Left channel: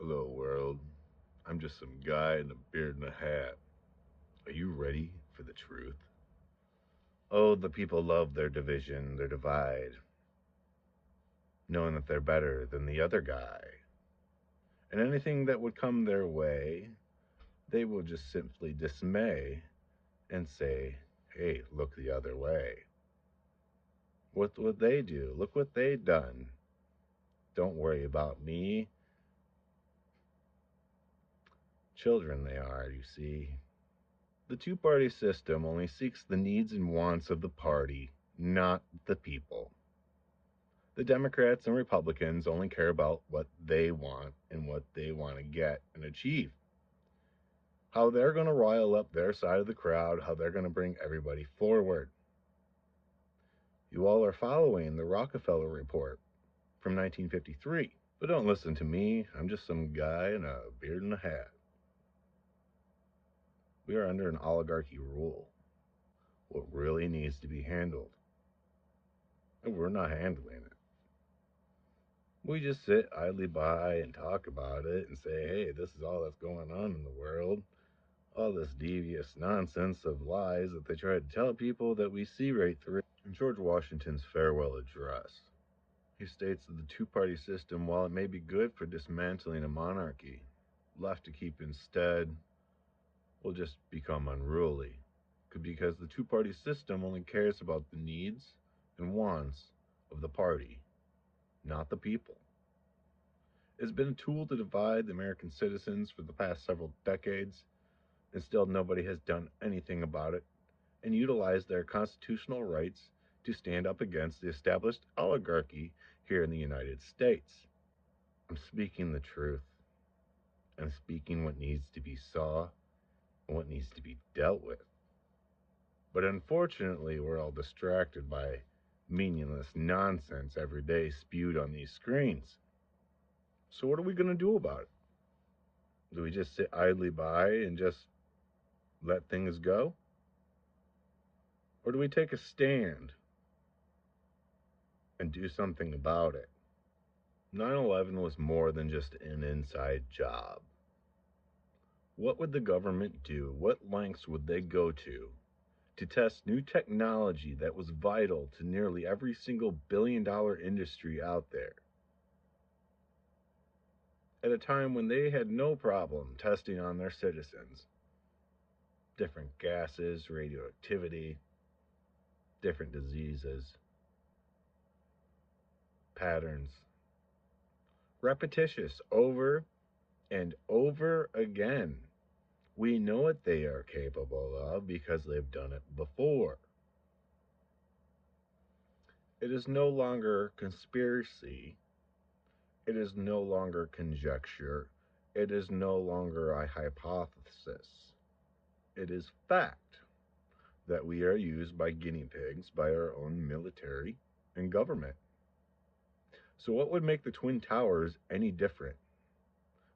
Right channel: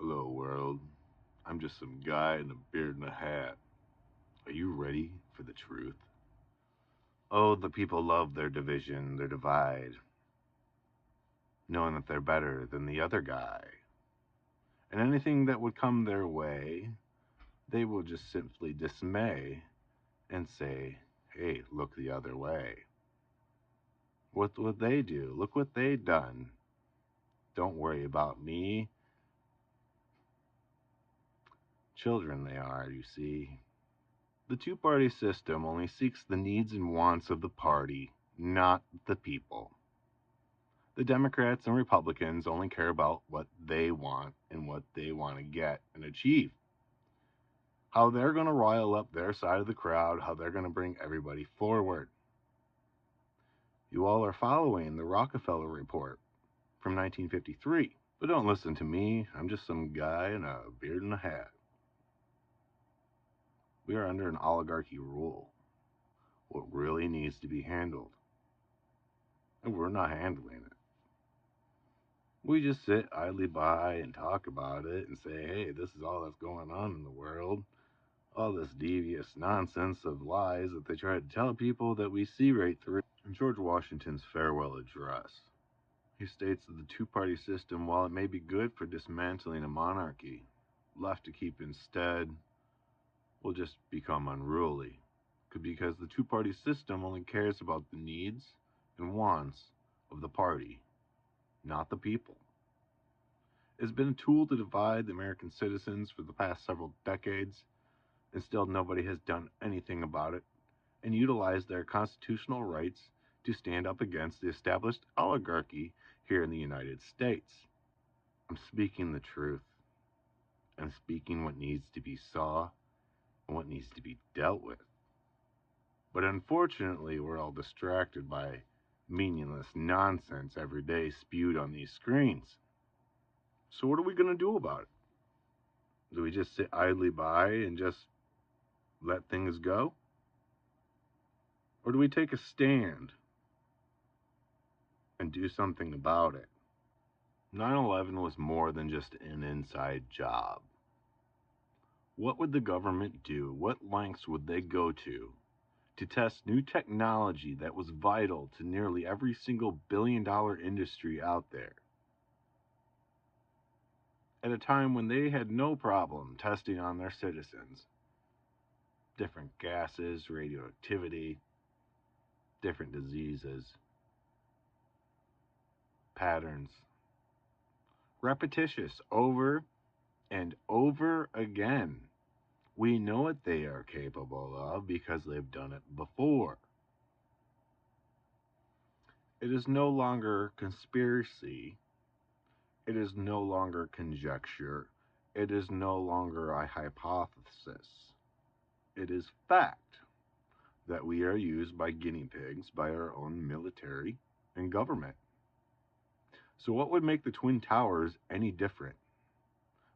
Hello, world. I'm just some guy in a beard and a hat. Are you ready for the truth? Oh, the people love their division, their divide, knowing that they're better than the other guy. And anything that would come their way, they will just simply dismay and say, hey, look the other way. What would they do? Look what they done. Don't worry about me. Children they are, you see. The two-party system only seeks the needs and wants of the party, not the people. The Democrats and Republicans only care about what they want and what they want to get and achieve. How they're going to rile up their side of the crowd, how they're going to bring everybody forward. You all are following the Rockefeller Report from 1953. But don't listen to me. I'm just some guy in a beard and a hat. We are under an oligarchy rule. What really needs to be handled. And we're not handling it. We just sit idly by and talk about it and say, hey, this is all that's going on in the world. All this devious nonsense of lies that they try to tell people that we see right through. In George Washington's farewell address, he states that the two-party system, while it may be good for dismantling a monarchy, left to keep instead, will just become unruly. Because the two-party system only cares about the needs and wants of the party, not the people. It's been a tool to divide the American citizens for the past several decades, and still nobody has done anything about it and utilized their constitutional rights to stand up against the established oligarchy here in the United States. I'm speaking the truth. I'm speaking what needs to be saw and what needs to be dealt with. But unfortunately, we're all distracted by meaningless nonsense every day spewed on these screens. So what are we going to do about it? Do we just sit idly by and just let things go? Or do we take a stand and do something about it? 9/11 was more than just an inside job. What would the government do? What lengths would they go to test new technology that was vital to nearly every single billion-dollar industry out there? At a time when they had no problem testing on their citizens. Different gases, radioactivity, different diseases, patterns. Repetitious over and over again. We know what they are capable of because they've done it before. It is no longer conspiracy. It is no longer conjecture. It is no longer a hypothesis. It is fact that we are used by guinea pigs by our own military and government. So, what would make the Twin Towers any different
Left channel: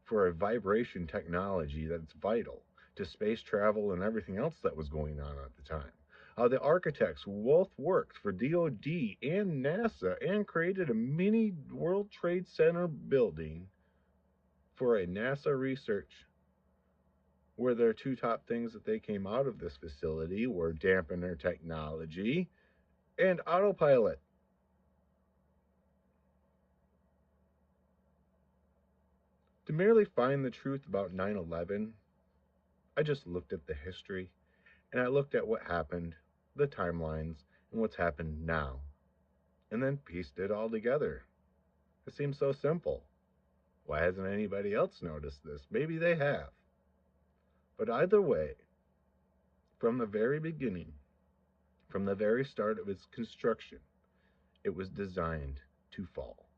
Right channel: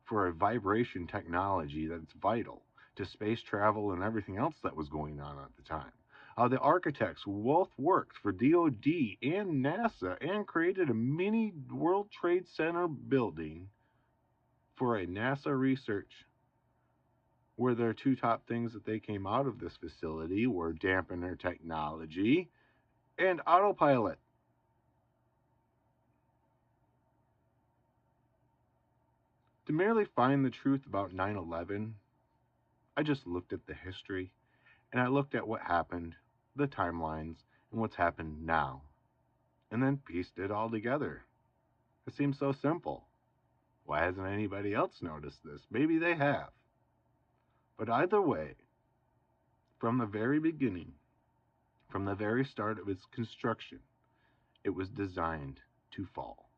for a vibration technology that's vital to space travel and everything else that was going on at the time? The architects both worked for DoD and NASA and created a mini World Trade Center building for a NASA research, where their two top things that they came out of this facility were dampener technology and autopilot. To merely find the truth about 9/11, I just looked at the history and I looked at what happened, the timelines, and what's happened now, and then pieced it all together. It seems so simple. Why hasn't anybody else noticed this? Maybe they have. But either way, from the very beginning, from the very start of its construction, it was designed to fall.